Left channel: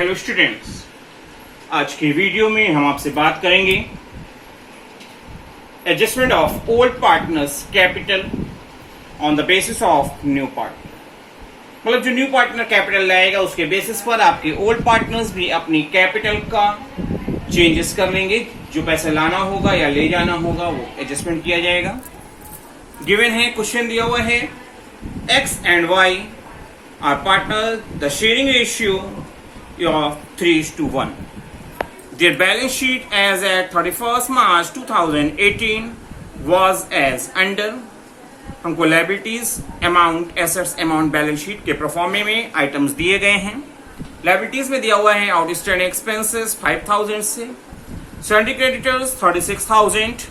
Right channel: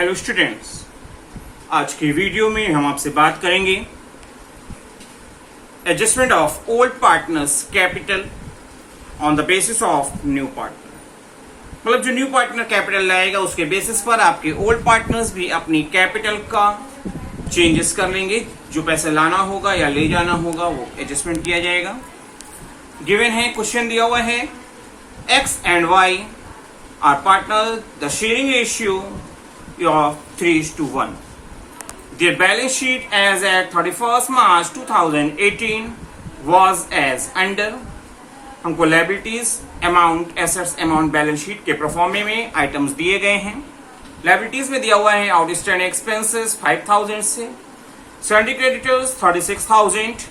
Hello students, आज की video में हम आपसे बात करेंगे adjustment of old partners capital on the basis of new partner. मतलब जो न्यू पार्टनर कैपिटल लाएगा उसके बेसिस पर आपके ओल्ड पार्टनर्स भी अपनी कैपिटल का चेंजेस कर लेंगे। जो पैसे लाना होगा या ले जाना होगा वो एडजस्टमेंट किया जाएगा। गिवन है, क्वेश्चन दिया हुआ है, X and Y are partner, the sharing ratio of 3:1. Their balance sheet as at 31st March 2018 was as under. हमको liabilities amount, assets amount, balance sheet के प्रोफॉर्मे में आइटम्स दिए गए हैं। liabilities में दिया हुआ है आउटस्टैंडिंग एक्सपेंसेस 5000 से, salary creditors 36,000,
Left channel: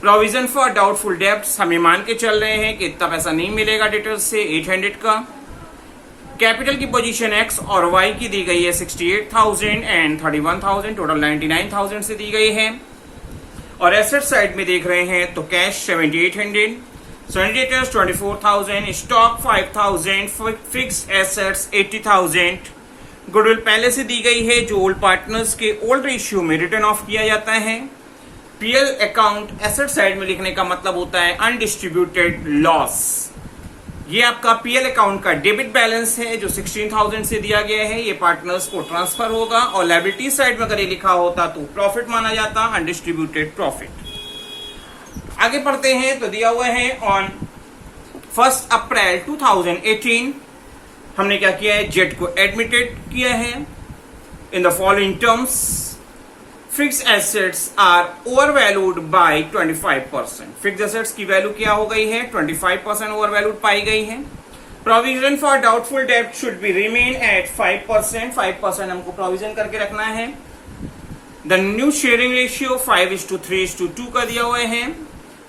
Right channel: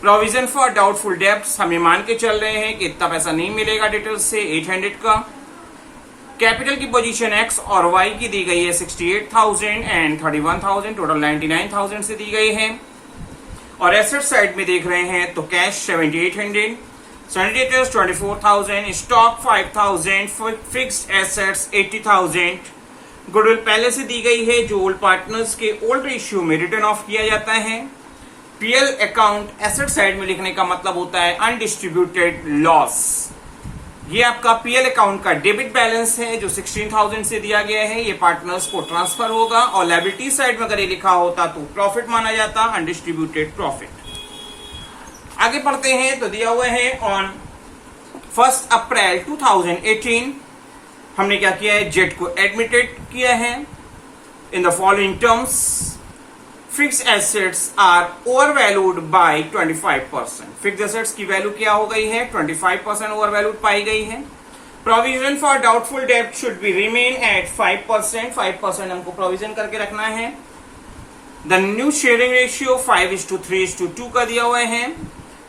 provision for doubtful debts हमें मान के चल रहे हैं कि इतना पैसा नहीं मिलेगा डेटर्स से 800 का। कैपिटल की पोजीशन एक्स और वाई की दी गई है 68,000 एंड 31,000, टोटल 99,000 से दी गई है। और एसेट साइड में देख रहे हैं तो cash 7,800, सैनिटेटर्स 24,000, stock 5,000, fixed assets 80,000। Goodwill पहले से दी गई है जो ओल्ड पार्टनर्स के ओल्ड रेशियो में रिटर्न ऑफ किया जाता है। पीएल अकाउंट एसेट साइड में लिखने का मतलब होता है अनडिस्ट्रीब्यूटेड लॉस। ये आपका पीएल अकाउंट का डेबिट बैलेंस है जो 16,000 से दिया गया है, ये पार्टनर्स को ट्रांसफर होगा। और लायबिलिटी साइड में अगर ये लिखा होता तो प्रॉफिट माना जाता, अनडिस्ट्रीब्यूटेड प्रॉफिट। आगे पढ़ते हैं तो दिया हुआ है ऑन 1 अप्रैल 2018 हमने क्या किया है, जेट को एडमिटेड किया है in the following terms. Fixed assets are over valued by 25%। Fixed assets की वैल्यू क्या हो गई है, 25% ओवर वैल्यूड पाई गई है। प्रोविजन फॉर डाउटफुल डेब्ट शुड बी रिमेन एट 5%। 5% हमको प्रोविजन करके रखना है। द न्यू शेयरिंग रेशियो 5:3:2 का दिया हुआ है।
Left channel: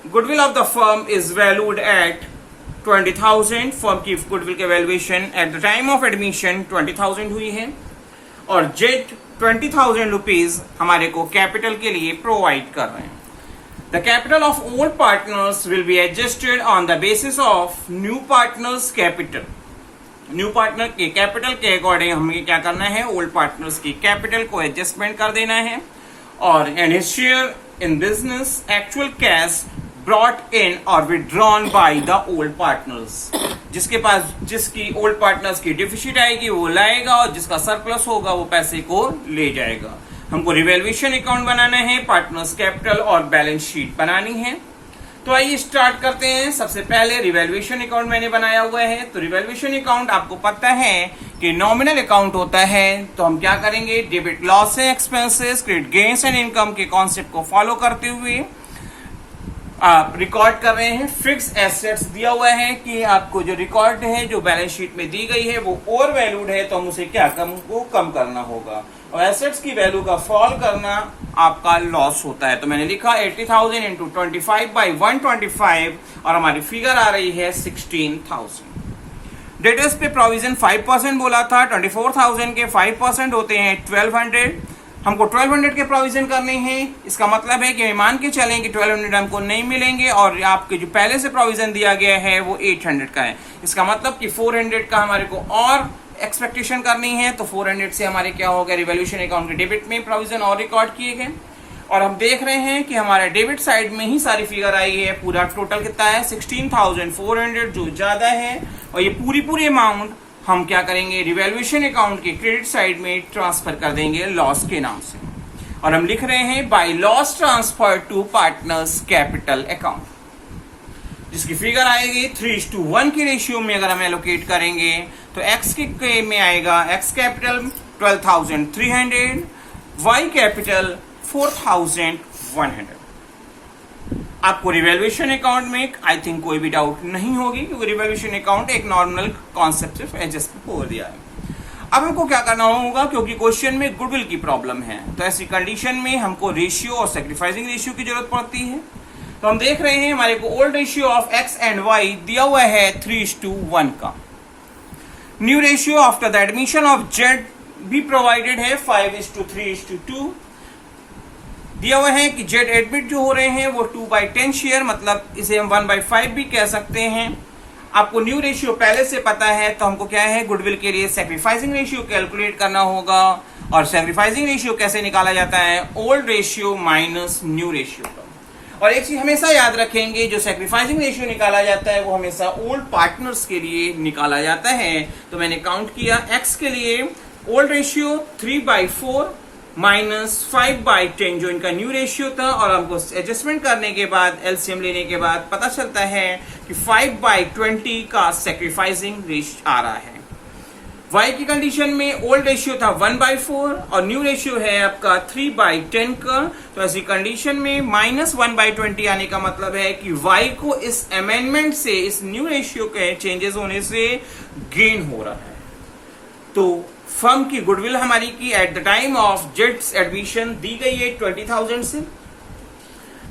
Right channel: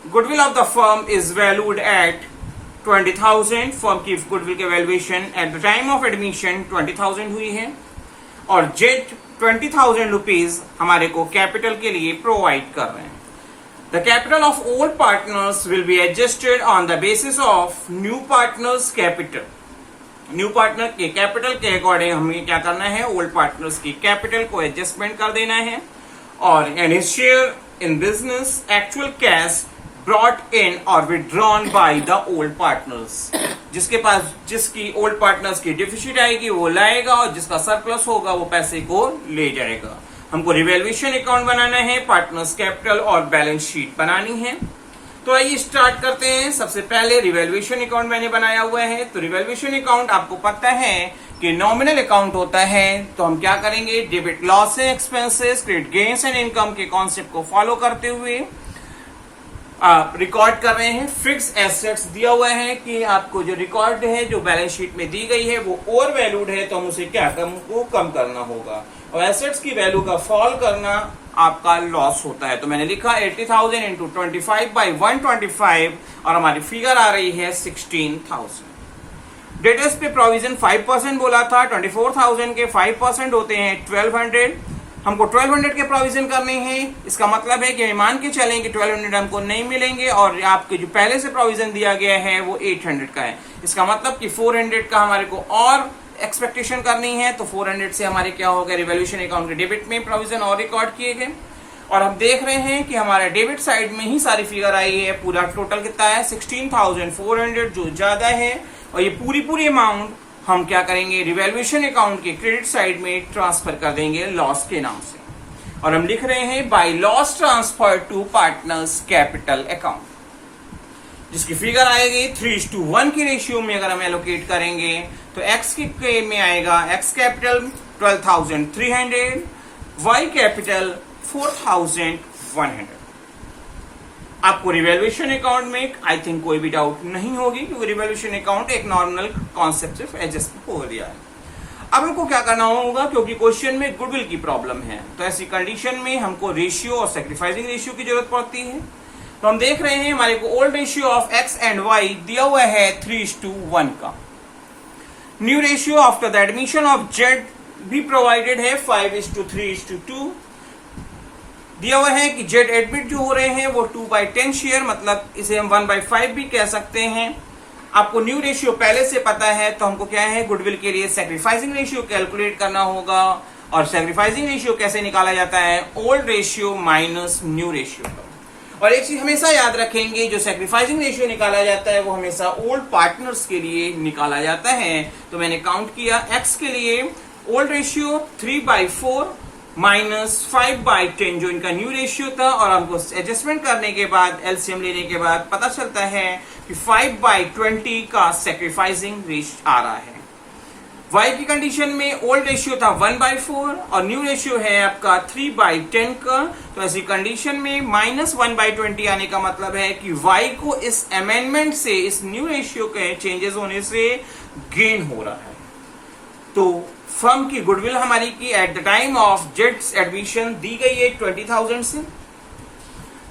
Goodwill of the firm is valued at 20,000। Firm की गुडविल के valuation eight the time of admission 20,000 हुई है। और जेट 20,000 रुपीज हमारे को कैपिटल के लिए प्रोवाइड कर रहे हैं। The capital of old partners will be adjusted on the basis of new partners capital. New partner के कैपिटल के अकॉर्डिंग हमें क्या करना है, ओल्ड पार्टनर्स की कैपिटल को एडजस्टमेंट कर देना है। और an share in business actual cash brought in और withdrawn by the old partners. जिसकी ओल्ड पार्टनर्स की डिफिसिट आएगी वो लाएगा और जिसका सरप्लस होगा वो पैसे को ले जाएगा। हमको रिवैल्यूएशन अकाउंट बनाना है, पार्टनर्स कैपिटल और बैलेंस शीट बनानी है। तो आइए स्टार्ट करते हैं। सबसे पहले रिवैल्यूएशन अकाउंट मैंने बनाया हुआ है। तो रिवैल्यूएशन अकाउंट आपको पता है कि नॉमिनल अकाउंट होता है। तो हम क्या करेंगे, debit loss expenses, credit gains and income के कॉन्सेप्ट को फॉलो करते हुए आप रिकॉर्ड कर रहे हैं। फिक्स्ड एसेट्स दिया हुआ है कि आपको जो रिकॉर्ड है, जो बैलेंस शीट में दी गई है वो ओवर वैल्यूड है, तो हम उसे क्या कम करना होगा। और एसेट्स की वैल्यू का फॉल करना आपका लॉस होता है। तो मैंने लिखा 80,000 इंटू 25/125 और हमारी फिगर आ रही है 16,000। डेटर्स पे प्रोविजन 5% बोला था, 24,000 के 5% होते हैं 1,200। हमको 1,200 के प्रोविजन करने हैं। इसका मतलब है कि मान के चलें कि 1,200 हमको नहीं मिलेंगे और आपके जो पहले से प्रोविजन दिया गया है वो 800 का है। इसका मतलब कि 400 का हमारे को और एक्सपेक्टेशन करनी है। तो 400 से हमारे क्या होगा, रिवैल्यूएशन अकाउंट के डेबिट में प्रोविजन और रिकॉर्ड किए गए। और हम देख रहे हैं कि हमारे डेबिट साइड में ही सारी फिगर आई है। पूरा टोटल कितना है, 16,400, जो ज्यादा है। और ये पूरी अमाउंट हम क्या करेंगे, रिवैल्यूएशन अकाउंट के क्रेडिट साइड में ट्रांसफर कर देंगे लॉस के नाम से। और हम लिख रहे हैं by loss transfer to partners capital account, जिसकी फिगर आएगी 3:1 के रेशियो में। अगर हम एलोकेट करेंगे तो एक्स के में आएगा, एक्स कैपिटल 12,300, वाई कैपिटल 4,100। आपको रिवैल्यूएशन अकाउंट में आई थिंक कोई भी डाउट नहीं होगी, क्योंकि रिवैल्यूएशन अकाउंट एक नॉर्मल कॉन्सेप्ट से एडजस्ट हो दिया है। अब हमको क्या करना होगा, क्योंकि क्वेश्चन में गुडविल की प्रॉब्लम है, तो ऐसी कंडीशन में हमको रेशियो और सैक्रिफाइसिंग रेशियो की जरूरत पड़ती है। तो हम देख रहे हैं हमारे को old ratio of X and Y दिया हुआ है 3:1 का। New ratio after the admission of Z भी प्रोवाइडेड है 5:3:2। दिया हुआ है कि जेड एडमिट जो हो रहे हैं वो 2/10 शेयर, मतलब इसे हम 1/5 भी कह सकते हैं। आपको न्यू रेशियो पहले से पता है, तो हमको क्या है, गुडविल के लिए सैक्रिफाइसिंग रेशियो कैलकुलेट करना होगा। और सैक्रिफाइसिंग रेशियो कैसे निकाला जाता है, old ratio minus new ratio का। और एक चीज हमेशा याद रखेंगे, जो सैक्रिफाइसिंग रेशियो निकाला जाता है वो हमेशा ओल्ड पार्टनर्स के लिए निकाला जाता है। तो मैंने काउंट किया, एक्स के लिए ओल्ड रेशियो 3/4 माइनस 5/10 जो इनका न्यू रेशियो था, और हमको एडजस्टमेंट करने के बाद, एलसीएम लेने के बाद पता चलता है कि 5/20 का सैक्रिफाइसिंग रेशियो आ रहा है। y की कंडीशन में ओल्ड रेशियो था 1/4 और न्यू रेशियो है आपका 3/10 का। तो ऐसी कंडीशन में -1/20 आने का मतलब है कि y को इस अमेंडमेंट से, इस न्यू रेशियो के चेंजेस होने से गेन हो रहा है। तो फर्म की गुडविल हमारी की एट द टाइम ऑफ जेट्स एडमिशन दी गई है 20,000 से।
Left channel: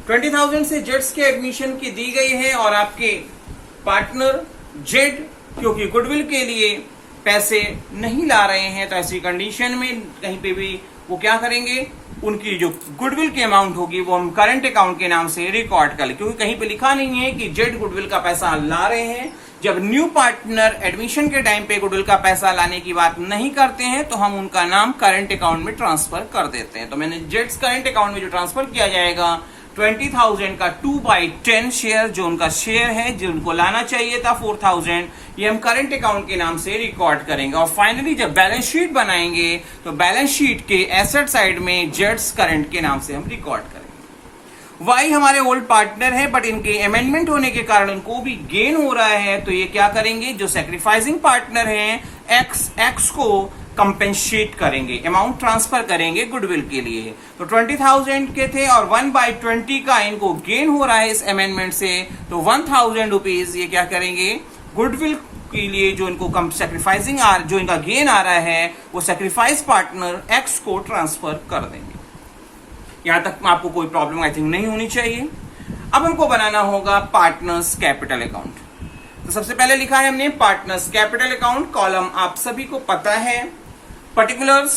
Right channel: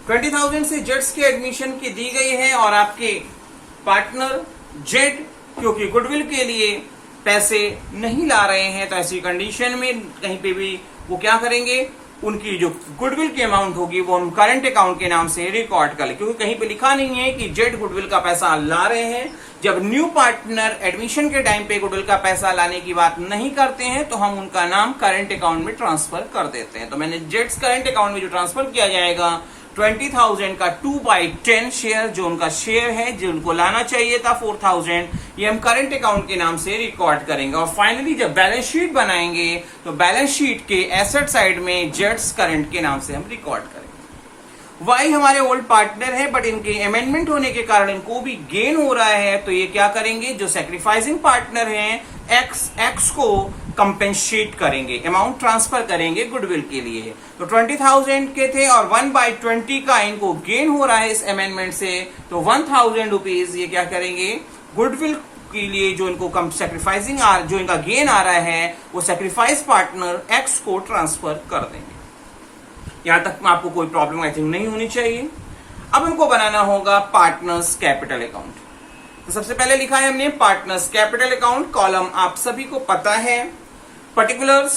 20,000 से जेट्स के एडमिशन की दी गई है, और आपके पार्टनर जेड क्योंकि गुडविल के लिए पैसे नहीं ला रहे हैं, तो ऐसी कंडीशन में कहीं पे भी वो क्या करेंगे, उनकी जो गुडविल की अमाउंट होगी वो हम करंट अकाउंट के नाम से रिकॉर्ड कर ले, क्योंकि कहीं पे लिखा नहीं है कि जेड गुडविल का पैसा ला रहे हैं। जब न्यू पार्टनर एडमिशन के टाइम पे गुडविल का पैसा लाने की बात नहीं करते हैं, तो हम उनका नाम करंट अकाउंट में ट्रांसफर कर देते हैं। तो मैंने जेड्स करंट अकाउंट में जो ट्रांसफर किया जाएगा 20,000 का 2/10 शेयर, जो उनका शेयर है, जो उनको लाना चाहिए था 4,000, ये हम करंट अकाउंट के नाम से रिकॉर्ड करेंगे। और फाइनली जब बैलेंस शीट बनाएंगे तो बैलेंस शीट के एसेट साइड में जेट्स करंट के नाम से हम रिकॉर्ड करेंगे। वाई हमारे ओल्ड पार्टनर है, बट इनके अमेंडमेंट होने के कारण इनको भी गेन हो रहा है, तो ये क्या करेंगे, जो सैक्रिफाइसिंग पार्टनर है एक्स को कंपेंसेट करेंगे, अमाउंट ट्रांसफर करेंगे गुडविल के लिए। तो 20,000 के थे और 1/20 का इनको गेन हो रहा है इस अमेंडमेंट से, तो 1,000 रुपीज ये क्या करेंगे, गुडविल के लिए जो इनको सैक्रिफाइसिंग जो इनका गेन आ रहा है वो सैक्रिफाइस पार्टनर एक्स को ट्रांसफर कर देंगे। यहां तक आपको कोई प्रॉब्लम आई थिंक नहीं होनी चाहिए। अब हमको बनाना होगा पार्टनर्स कैपिटल अकाउंट। तो सबसे पहले लिखा है हमने पार्टनर्स कैपिटल अकाउंट, कॉलम आप सभी को पता है, पर्टिकुलर्स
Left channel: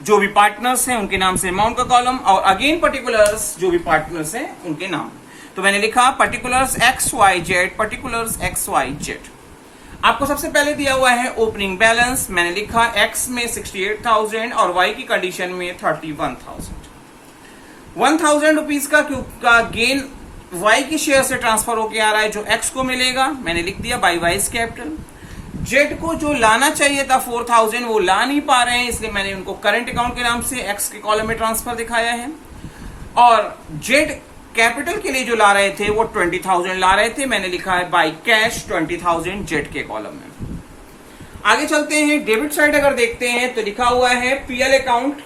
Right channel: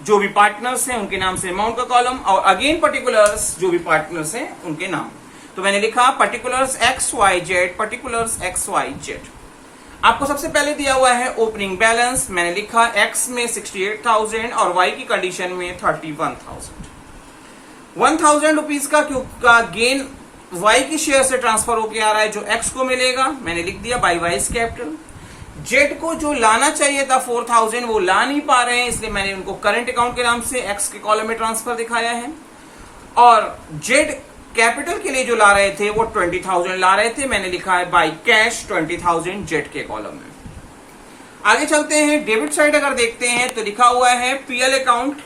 जो भी पार्टनर्स हैं उनके नाम से अमाउंट का कॉलम, और अगेन पर्टिकुलर्स जो भी पार्टनर्स हैं उनके नाम। तो मैंने लिखा पर्टिकुलर्स XYZ, पर्टिकुलर्स XYZ। आपको सबसे पहले दिया हुआ है ओपनिंग बैलेंस, मैंने लिखा X में 68,000 और Y की कंडीशन में 31,000। 1,000 रुपीज का गेन Y की शेयर से ट्रांसफर होकर आ रहा है, जो X को मिलेगा, मैंने लिख दिया बाय वाइज कैपिटल। जेड को जो लाना चाहिए था 4,000 वो ला नहीं पा रहे हैं, इसलिए मैंने उनको करंट अकाउंट के नाम से एक्स के कॉलम में ट्रांसफर दिखाया है। और जेड कैपिटल के लिए जो ला रहे थे वो 20,000 ला रहे थे, मैंने लिखा है बाय कैश 20,000 जेड के कॉलम में। आगे चलते हैं, डेबिट साइड अगर देखते हैं तो लिखा हुआ है पीएल अकाउंट,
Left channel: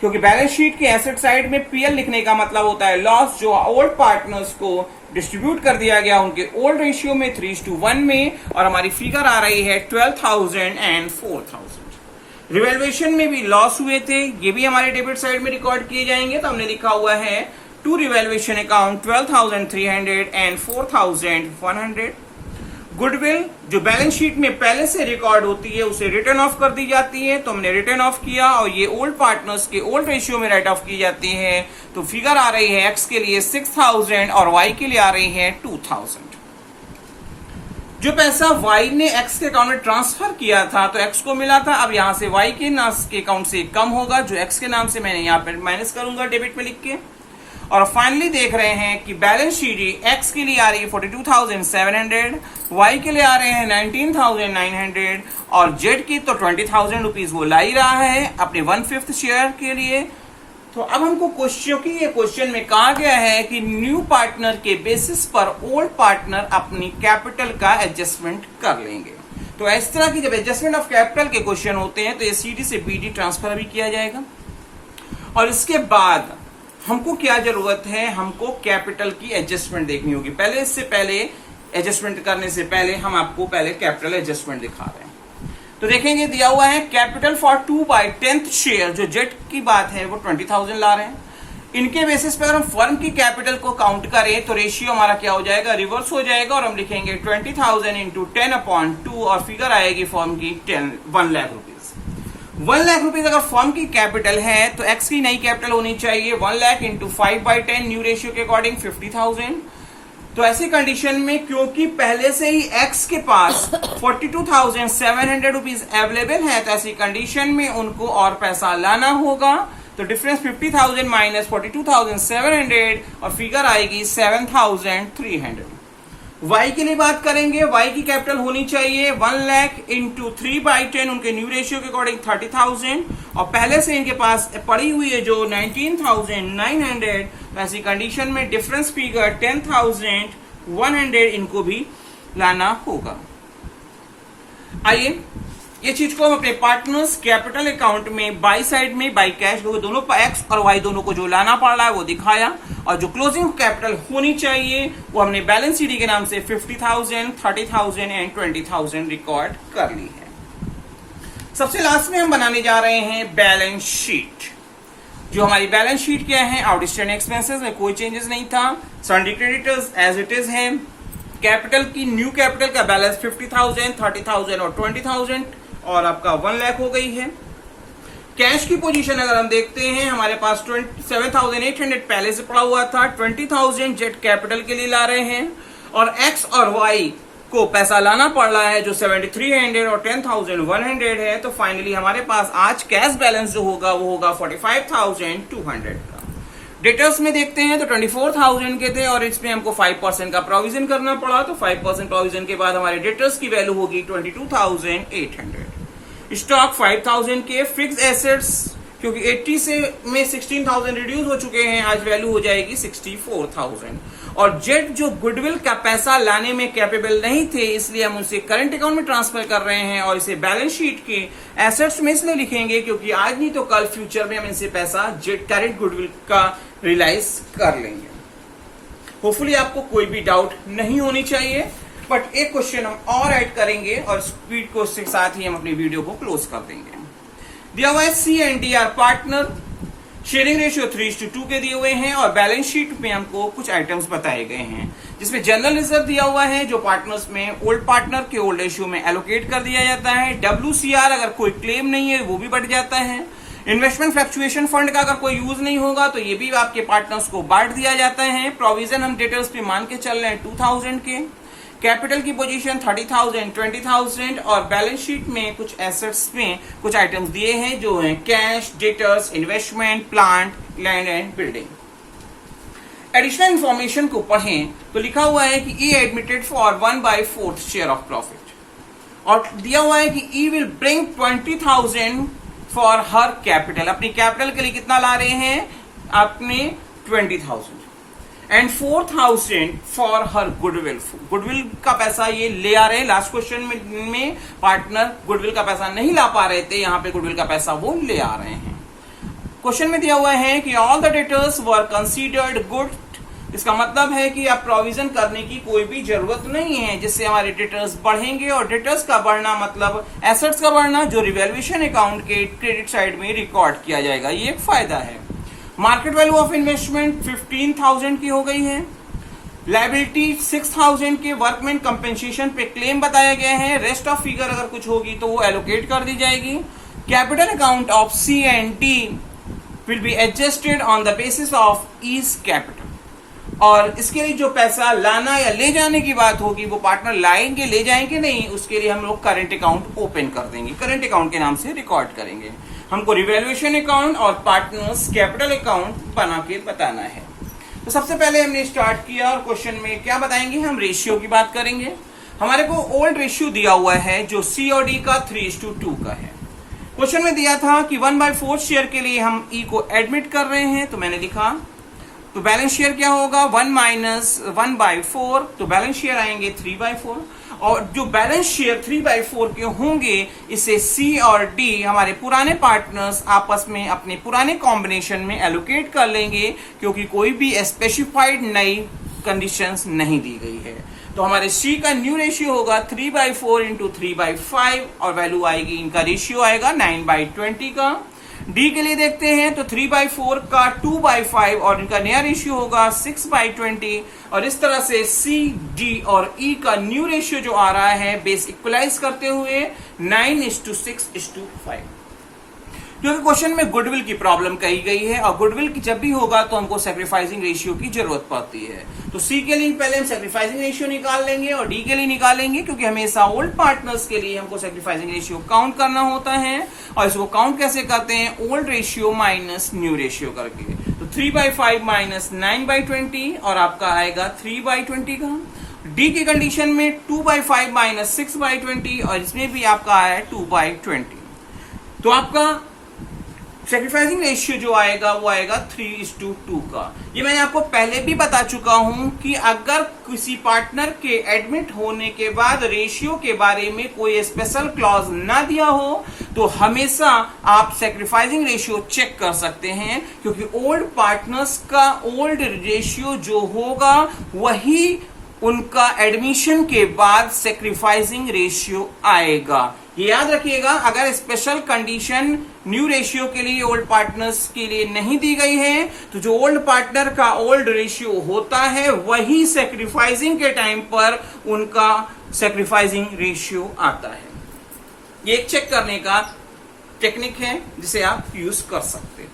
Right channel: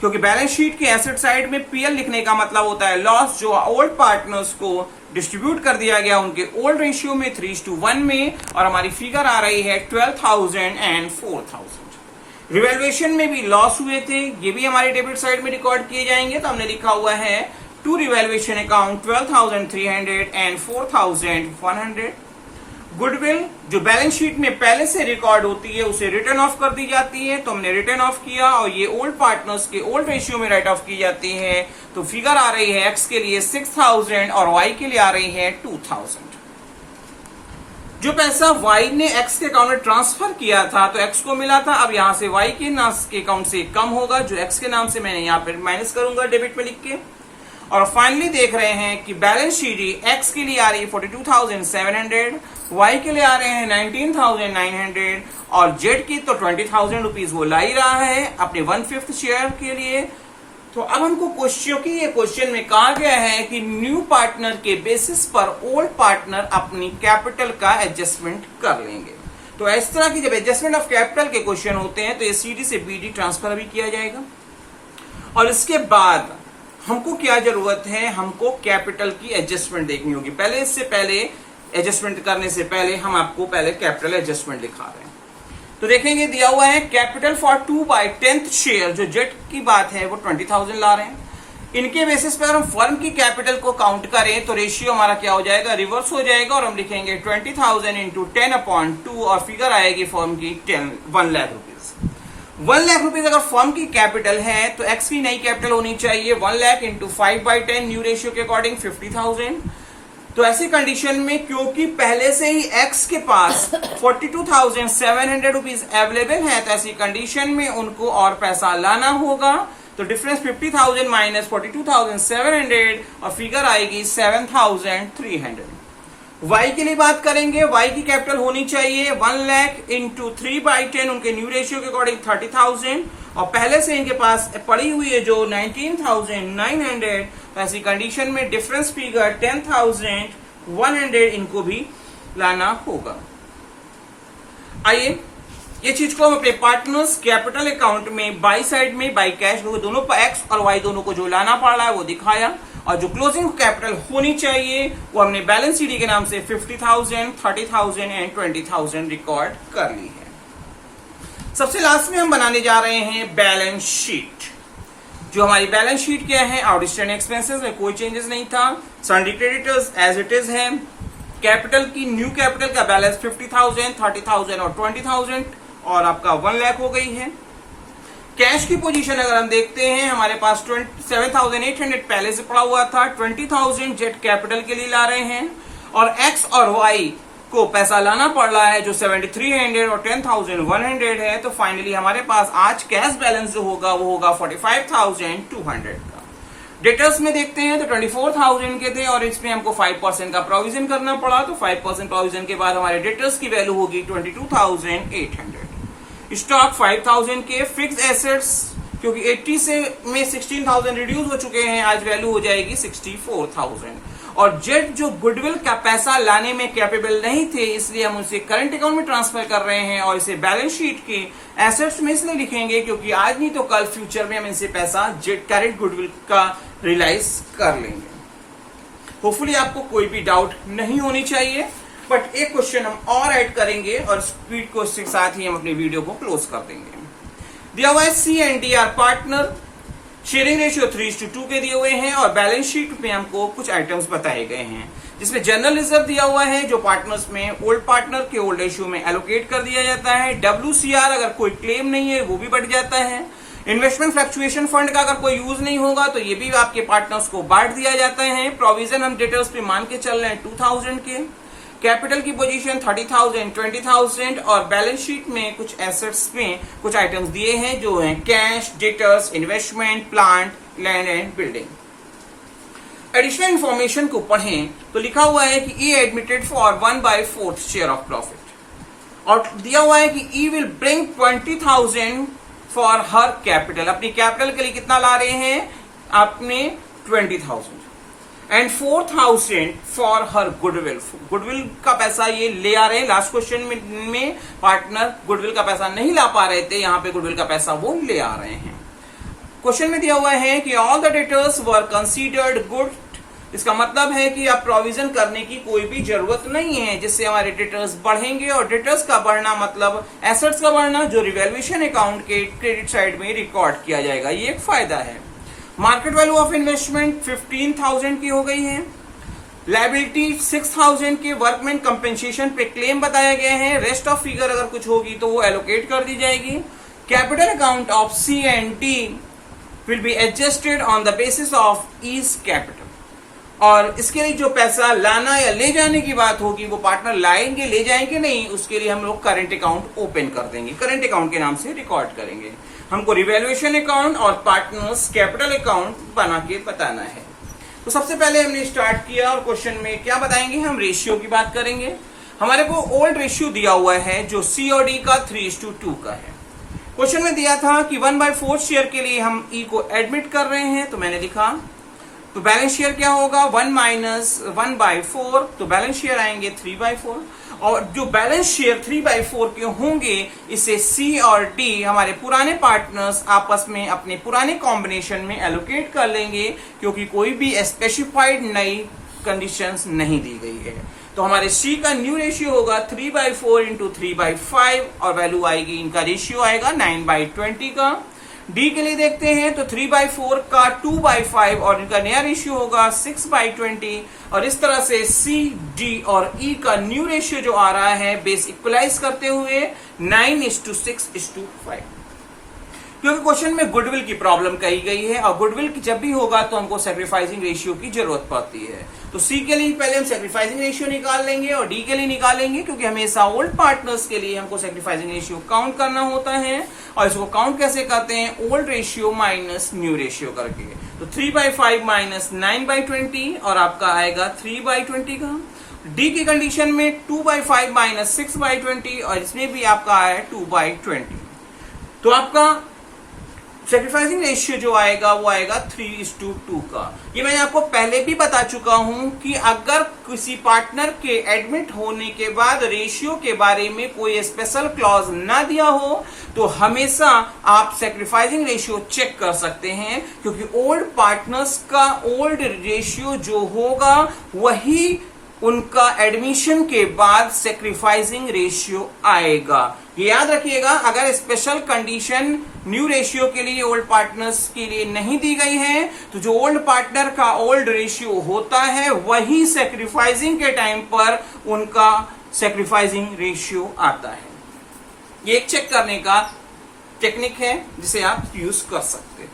क्योंकि बैलेंस शीट की एसेट साइड में पीएल लिखने का मतलब होता है लॉस जो ओल्ड पार्टनर्स को डिस्ट्रीब्यूट कर दिया गया उनके ओल्ड रेशियो में 3:1 में, और हमारी फिगर आ रही है 12,000 एंड 4,000। रिवैल्यूएशन में भी लॉस हुए थे, ये भी हमारे डेबिट साइड में रिकॉर्ड किए जाएंगे। तो हमने लिखा हुआ है to revaluation account 12,300 and 4,100। Goodwill जो बैलेंस शीट में पहले से रिकॉर्ड होती है उसे रिटर्न ऑफ कर दी जाती है, तो हमने रिटर्न ऑफ किया, और ये ओल्ड पार्टनर्स के ओल्ड रेशियो में राइट ऑफ की जाती है। तो फिगर आ रही है एक्स के लिए 6,000 और वाई के लिए आ रही है 2,000। जो पैसा वाई ने एक्स के अकाउंट में ट्रांसफर किया था तो एक्स को मिला था, अब यहां से वाई के अकाउंट से कम होगा, जो एक्स के नाम से मैंने यहाँ पे माइनस करूंगा डेबिट में लिख के। और फाइनली देख रहे हैं कि बैलेंस शीट एक्स के लिए आ रही है 42,700, वाई के लिए आ रहे हैं 19,900, और जेड की तो 20,000 रुपीज वो ला ही रहा है अपने 1/5 शेयर के लिए। तो अब हमको क्वेश्चन में कहा गया है कि न्यू पार्टनर के बेसिस पर ओल्ड पार्टनर अपनी कैपिटल का एडजस्टमेंट कर लेंगे। तो इस तरह की जब एडजस्टमेंट ऑफ कैपिटल के क्वेश्चन होते हैं तो ये सीडी से बीडी ट्रांसफर भी किया जाएगा। और इसके बाद हमको क्या जरूरत है, हमको कैपिटल की एडजस्टमेंट देखनी होगी। पहले इससे पहले एडजस्टमेंट करने से पहले हम आपको पहले कैपिटल एडजस्टमेंट दिखा रहे हैं। तो देखेंगे दिया हुआ है कैपिटल फॉर 2/10 शेयर, जो जेड की बात है वो 20,000 ला रहे हैं। इनके बेसिस पर हम फर्म की कैपिटल को काउंट करें तो रेशियो हमारा क्या हो जाएगा, रिवर्स हो जाएगा, और हम लिखेंगे 20,000 इंटू 10/2 और फिगर आएगी फर्म की 1 लाख रुपीज। 1 लाख रुपीज अगर फर्म की कैपिटल है तो एक्स की नई कैपिटल होनी चाहिए 1 लाख इंटू 5/10 न्यू रेशियो के अकॉर्डिंग 50,000। तो ऐसी कंडीशन में क्योंकि पहले से ही एक्स के पास 42,700 रुपीज अवेलेबल है, तो ऐसी कंडीशन में उनको और पैसा लाना होगा। तो डिफरेंस 50,000 माइनस 42,700 और फिगर आएगी 7,300। वाई के लिए बात करेंगे, वाई की कैपिटल होनी चाहिए 1 लाख इंटू 3/10, उनके न्यू रेशियो के अकॉर्डिंग 30,000 और पहले से इनके पास पड़ी हुई है जो 19,900। ऐसी कंडीशन में डिफरेंस फिगर 10,100 इनको भी लाना होगा। आइए ये चीज को हम अपने पार्टनर्स कैपिटल अकाउंट में बाई साइड में बाई कैश दोनों एक्स और वाई दोनों को जो लाना पड़ रहा है वो दिखाया, और जो क्लोजिंग कैपिटल होनी चाहिए वो हमने बैलेंस शीट के नाम से 50,000, 30,000 एंड 20,000 रिकॉर्ड कर ली है। सबसे लास्ट में हम बनाने जा रहे हैं बैलेंस शीट। जो हमारी बैलेंस शीट क्या है, आउटस्टैंडिंग एक्सपेंसेस में कोई चेंजेस नहीं था, sundry creditors as it is है, कैपिटल की न्यू कैपिटल का बैलेंस 50,000, 30,000 और 20,000 और आपका 1 लाख हो गई है। कैश की पोजीशन अगर हम देखते हैं, हमारे पास 7,800 पहले से पड़ा हुआ था, 20,000 जेट कैपिटल के लिए ला रहे हैं और एक्स और वाई को पैसा लाना पड़ रहा है जो 7,300 और 10,100 है। तो फाइनली हमारे पास आज कैश बैलेंस जो होगा वो होगा 45,200 का। डेटर्स में देखते हैं तो 24,000 के थे और इसमें हमको 5% का प्रोविजन करना पड़ा, तो 5% प्रोविजन के बाद हमारे डेटर्स की वैल्यू होगी 22,800। स्टॉक 5,000 के, फिक्स एसेट्स क्योंकि 80 से में 16,000 रिड्यूस हो चुके हैं, आज वैल्यू हो जाएगी 64,000। और जेट जो गुडविल का पैसा लाने में कैपेबल नहीं थे, इसलिए हम उसे करंट अकाउंट में ट्रांसफर कर रहे हैं और इसे बैलेंस शीट के एसेट्स में इसलिए लिखेंगे क्योंकि आज नहीं तो कल फ्यूचर में हम इनसे पैसा जेट करंट गुडविल का रियलाइज कर लेंगे। होपफुली आपको कोई भी डाउट नहीं होनी चाहिए, बट एक क्वेश्चन हम और ऐड करेंगे और स्पीड को इसके साथ ही हम अपनी वीडियो को क्लोज कर देंगे। दिया हुआ है C and D are partner, sharing ratio 3:2 के दिए हुए हैं और बैलेंस शीट में हमको कुछ आइटम्स बताए गए हैं जिसमें जनरल रिजर्व दिया हुआ है जो पार्टनर्स में ओल्ड पार्टनर के ओल्ड रेशियो में एलोकेट कर दिया जाता है। WCR अगर कोई क्लेम नहीं है वो भी बढ़ जाता है। इन्वेस्टमेंट फ्लक्चुएशन फंड का अगर कोई यूज नहीं होगा तो ये भी आपके पार्टनर्स को बांट दिया जाता है। प्रोविजन हम डेटर्स पे मान के चल रहे हैं 2,000 के, कैपिटल की पोजीशन 30,000, 20,000 और बैलेंस शीट में कुछ एसेट्स में कुछ आइटम्स दिए हैं जो हैं cash, debtors, investment, plant, land and building. Additional information को पढ़ें तो लिखा हुआ है कि E admitted for 1/4 share of profit और दिया हुआ है कि E will bring 20,000 for her capital. अपनी कैपिटल के लिए कितना ला रहे हैं, आपने 20,000 and 4,000 for her goodwill. Goodwill का पैसा ये ले आ रहे हैं। लास्ट क्वेश्चन में पार्टनर गुडविल का पैसा नहीं ला पा रहे थे, यहां पे गुडविल का पैसा वो ले आ रहे हैं। क्वेश्चन में दिया हुआ है कि all the debtors were considered good. इसका मतलब है कि अब प्रोविजन करने की कोई भी जरूरत नहीं है जिससे हमारे डेटर्स बढ़ेंगे और डेटर्स का बढ़ना मतलब एसेट्स का बढ़ना जो रिवैल्यूएशन अकाउंट के क्रेडिट साइड में रिकॉर्ड किया जाएगा, ये एक फायदा है। मार्केट वैल्यू ऑफ इन्वेस्टमेंट 15,000 की हो गई है। लायबिलिटी 6,000 के वर्कमैन कंपेंसेशन पे क्लेम बताए गए हैं। रेस्ट ऑफ फिगर अगर कुछ होगी तो वो एलोकेट कर दी जाएगी। Capital account of C and D will be adjusted on the basis of each capital. और इसके लिए जो पैसा लाना या ले जाने की बात होगी वो पार्टनर लाएंगे, ले जाएंगे नहीं, उसके लिए हम लोग करंट अकाउंट ओपन कर देंगे, करंट अकाउंट के नाम से रिकॉर्ड करेंगे। हमको रिवैल्यूएशन अकाउंट और पार्टनर्स कैपिटल अकाउंट बना के बताना है। तो सबसे पहले हमने स्टार्ट किया और क्वेश्चन में क्या बताएंगे, हम रेशियो की बात करेंगे। हमारे को ओल्ड रेशियो दिया हुआ है जो सी और डी का 3:2 का है। क्वेश्चन में दिया था कि 1/4 शेयर के लिए हम ई को एडमिट कर रहे हैं, तो मैंने लिखा तो बैलेंस शेयर क्या होगा 1 - 1/4, तो बैलेंस शेयर आएंगे 3/4 और जो बैलेंस शेयर 3/4 के होंगे इसे सी और डी हमारे पुराने पार्टनर्स आपस में अपने पुराने कॉम्बिनेशन में एलोकेट कर लेंगे क्योंकि कोई भी स्पेसिफाइड नई कंडीशंस नहीं दी गई है। तो हमारे सी का न्यू रेशियो होगा 3/4 इंटू 3/5 और वैल्यू आएगी, इनका रेशियो आएगा 9/20 का। डी के लिए देखते हैं तो 3/4 का 2/5 और इनका नया रेशियो होगा 6/20 और इस तरह से सी, डी और ई का न्यू रेशियो जो आ रहा है बेस इक्वलाइज करते हुए 9:6:5। क्योंकि क्वेश्चन में गुडविल की प्रॉब्लम कही गई है और गुडविल की जब भी होगा तो हमको सैक्रिफाइसिंग रेशियो की जरूरत पड़ती है। तो सी के लिए पहले हम सैक्रिफाइसिंग रेशियो निकाल लेंगे और डी के लिए निकालेंगे, क्योंकि हमेशा ओल्ड पार्टनर्स के लिए हमको सैक्रिफाइसिंग रेशियो काउंट करना होता है। और इसको काउंट कैसे करते हैं? Old ratio minus new ratio करके। तो 3/5 माइनस 9/20 और आपका आएगा 3/20 का। डी की कंडीशन में 2/5 माइनस 6/20 और इसमें भी आपका आया 2/20। तो आपका सैक्रिफाइसिंग रेशियो जो आएगा वो आएगा 3:2 का। ये मैंने आपको पहले भी बता चुका हूं कि अगर किसी पार्टनर के एडमिट होने के बाद रेशियो के बारे में कोई स्पेशल क्लॉज ना दिया हो तो हमेशा आप सैक्रिफाइसिंग रेशियो चेक कर सकते हैं, क्योंकि ओल्ड पार्टनर्स का ओल्ड रेशियो जो होगा वही उनका एडमिशन के बाद सैक्रिफाइसिंग रेशियो आएगा। ये याद रखिएगा, अगर स्पेशल कंडीशन न्यू रेशियो के लिए ओल्ड पार्टनर्स के लिए नहीं दी गई है तो जो ओल्ड पार्टनर का ओल्ड रेशियो होता है वही सैक्रिफाइसिंग के टाइम पर उनका सैक्रिफाइसिंग रेशियो आता है। ये एक चेक करने का टेक्निक है जिसे आप यूज कर सकते हो।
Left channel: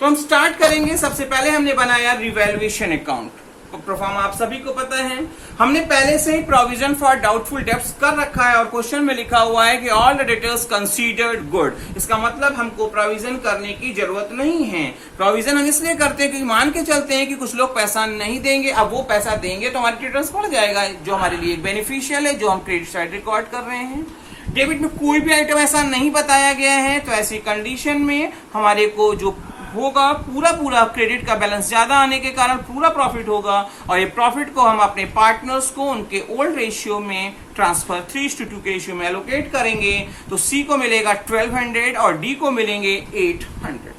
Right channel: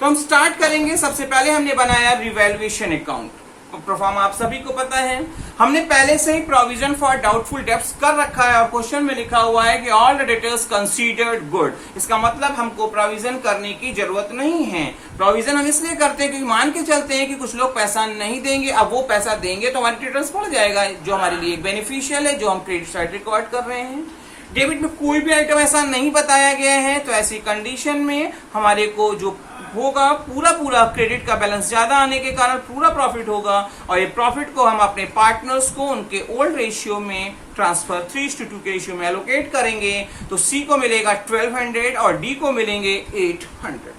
तो हम स्टार्ट करेंगे। सबसे पहले हमने बनाया रिवैल्यूएशन अकाउंट। प्रोफार्मा आप सभी को पता है, हमने पहले से ही प्रोविजन फॉर डाउटफुल डेब्ट्स कर रखा है और क्वेश्चन में लिखा हुआ है कि all the debtors considered good. इसका मतलब हमको प्रोविजन करने की जरूरत नहीं है। प्रोविजन हम इसलिए करते हैं कि मान के चलते हैं कि कुछ लोग पैसा नहीं देंगे, अब वो पैसा देंगे तो हमारी रिटर्न्स बढ़ जाएगा, जो हमारे लिए बेनिफिशियल है, जो हम क्रेडिट साइड रिकॉर्ड कर रहे हैं। डेबिट में कोई भी आइटम ऐसा नहीं बताया गया है, तो ऐसी कंडीशन में हमारे को जो होगा पूरा क्रेडिट का बैलेंस ज्यादा आने के कारण पूरा प्रॉफिट होगा और ये प्रॉफिट को हम अपने पार्टनर्स को उनके ओल्ड रेशियो में ट्रांसफर 3:2 के रेशियो में एलोकेट करेंगे। तो सी को मिलेगा 1200 और डी को मिलेंगे 800।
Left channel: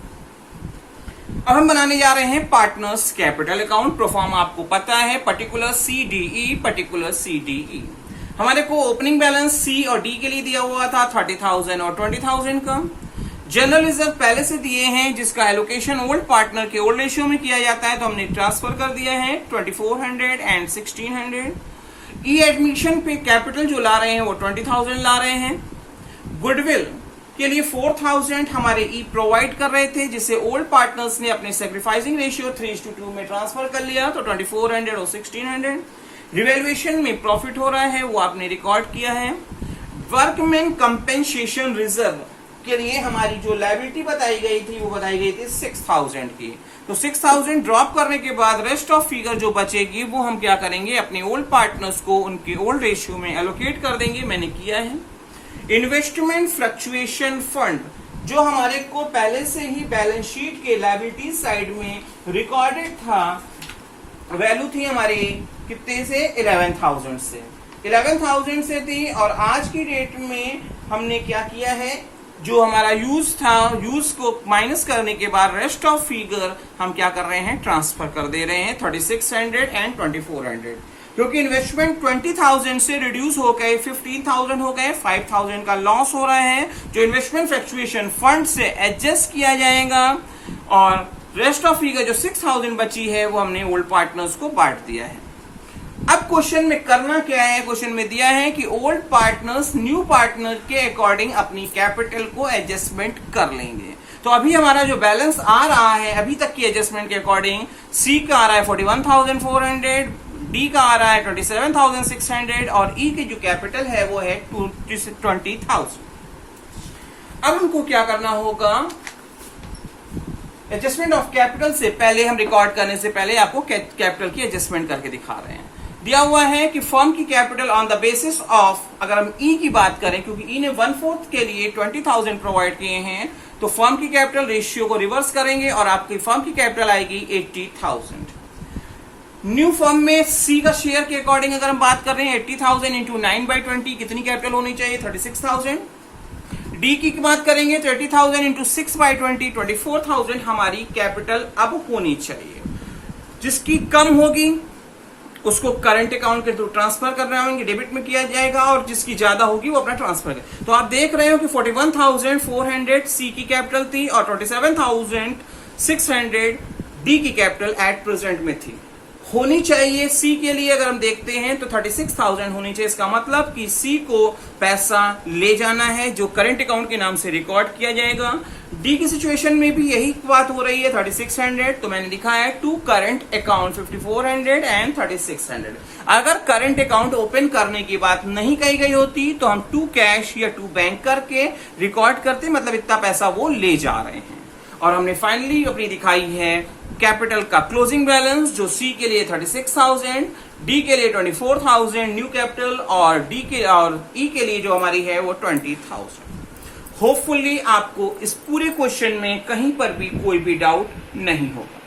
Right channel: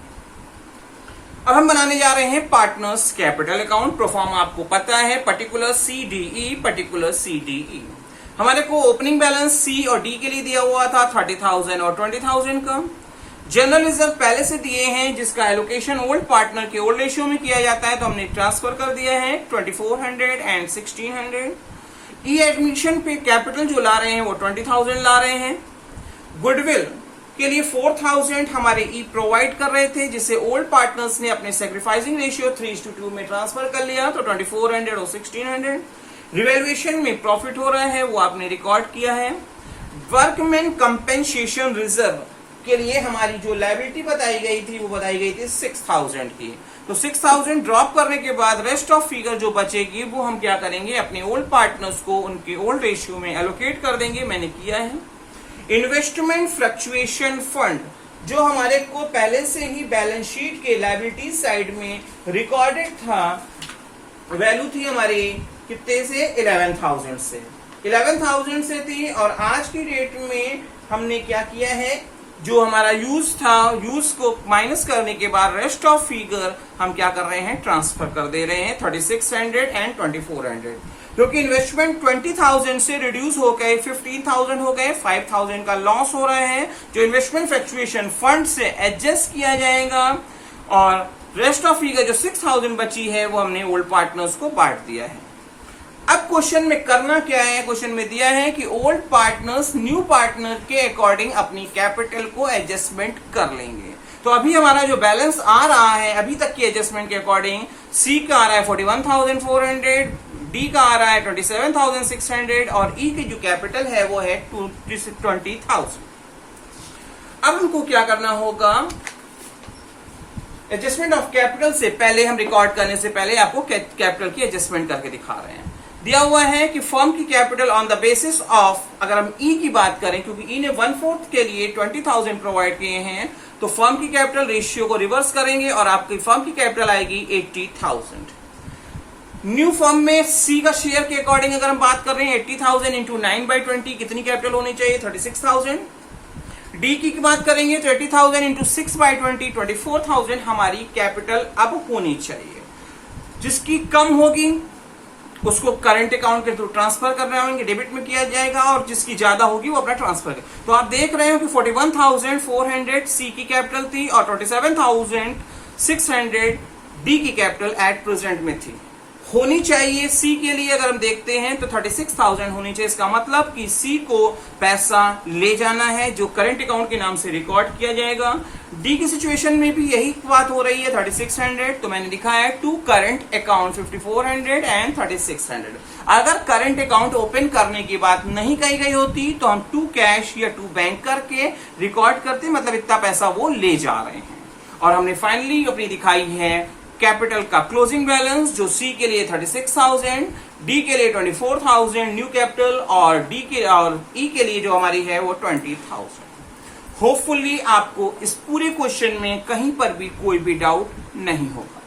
अब हम बनाने जा रहे हैं पार्टनर्स कैपिटल अकाउंट। प्रोफार्मा आपको पता है, पर्टिकुलर CDE, पर्टिकुलर CDE। हमारे को ओपनिंग बैलेंस सी और डी के लिए दिया हुआ था 30,000 और 20,000 का। जनरल रिजर्व पहले से दिए हैं जिसका एलोकेशन ओल्ड पार्टनर के ओल्ड रेशियो में किया जाता है, तो हमने ट्रांसफर कर दिया है 2400 एंड 1600। ई एडमिशन पे कैपिटल जो ला रहे हैं वो 20,000 ला रहे हैं। गुडविल के लिए 4,000 हमारे ई प्रोवाइड कर रहे थे, जिसे ओल्ड पार्टनर्स ने अपने सैक्रिफाइसिंग रेशियो 3:2 में ट्रांसफर कर लिया, तो 2400 और 1600। रिवैल्यूएशन में प्रॉफिट हो रहा है वो आपने रिकॉर्ड किया है। वर्कमैन कंपेंसेशन रिजर्व के लिए हमारी जो लायबिलिटी बताई गई थी वो बताई गई थी 6,000 की। तो 6,000 ड्रॉप करने के बाद रेस्ट ऑफ फिगर जो बचेगी वो हम क्या करेंगे, अपने ओल्ड पार्टनर्स को उनके ओल्ड रेशियो में एलोकेट कर देंगे। मैंने किया है। इन्वेस्टमेंट फ्लक्चुएशन फंड जो हमारे को पहले से ही बैलेंस शीट के लायबिलिटी साइड में रिकॉर्डेड था, वैल्यू थी हमारी कितने से 11,000 से 11,000 से थी। और आज की डेट में हमने क्या किया है, जो हमारा यूज था, यूज को माइनस करने के बाद रेस्ट ऑफ फिगर हम क्या कर रहे हैं, ट्रांसफर कर दे रहे हैं 3600 एंड 2400, क्योंकि इन्वेस्टमेंट 20,000 से रिड्यूस हो गए 15,000 हो गए, 5,000 का लॉस हो रहा है, जो इन्वेस्टमेंट फ्लक्चुएशन फंड से एडजस्ट किया जाएगा। और रेस्ट ऑफ फिगर जो 6,000 बची है वो हमने ओल्ड पार्टनर्स को बांट दिया है। अब क्वेश्चन में करना क्या है, क्वेश्चन में दिया है कि ओल्ड पार्टनर्स न्यू पार्टनर के अकॉर्डिंग अपनी कैपिटल को एडजस्टमेंट कर लेंगे। तो अभी हमारा जो बैलेंस आ रहा है अभी तक की एडजस्टमेंट के अकॉर्डिंग, सी का आ रहा है 41,400, डी का आ रहा है 27,600 और ई की जो कैपिटल है वो है 20,000। अब हमको क्या करना होगा, एडजस्टमेंट ऑफ कैपिटल से पहले, हम रिकॉर्ड करने से पहले आपको कैपिटल की एडजस्टमेंट करके दिखा रहे हैं। दिया हुआ है कि फर्म की capital on the basis of, अगर हम ई की बात करें, क्योंकि ई ने 1/4 के लिए 20,000 प्रोवाइड किए हैं, तो फर्म की कैपिटल रेशियो को रिवर्स करेंगे और आपकी फर्म की कैपिटल आएगी 80,000। न्यू फर्म में सी का शेयर के अकॉर्डिंग अगर हम बात कर रहे हैं 80,000 इंटू 9/20 कितनी कैपिटल होनी चाहिए, 36,000। डी की बात करेंगे 30,000 इंटू 6/20 24,000 हमारी कैपिटल अब होनी चाहिए। जिसकी कम होगी उसको करंट अकाउंट के थ्रू ट्रांसफर करना होंगे, डेबिट में किया जाएगा, और जिसकी ज्यादा होगी वो अपना ट्रांसफर करें। तो आप देख रहे हो कि 41,400 सी की कैपिटल थी और 27,600 डी की कैपिटल एट प्रेजेंट में थी। होनी चाहिए सी के लिए अगर हम देखते हैं तो 36,000 होनी चाहिए। इसका मतलब कि सी को पैसा ले जाना है जो करंट अकाउंट के नाम से रिकॉर्ड किया जाएगा। डी की सिचुएशन में भी यही बात हो रही है 3600, तो मैंने लिखा है टू करंट अकाउंट 5400 एंड 3600। अगर करंट अकाउंट ओपन करने की बात नहीं कही गई होती तो हम टू कैश या टू बैंक करके रिकॉर्ड करते, मतलब इतना पैसा वो ले जा रहे हैं। और हमने फाइनली अपनी दिखाई है कैपिटल का क्लोजिंग बैलेंस जो सी के लिए 36,000, डी के लिए 24,000 न्यू कैपिटल और डी के और ई के लिए जो हमारी है वो 20,000। होपफुली आपको इस पूरे क्वेश्चन में कहीं पर भी कोई भी डाउट नहीं होगा।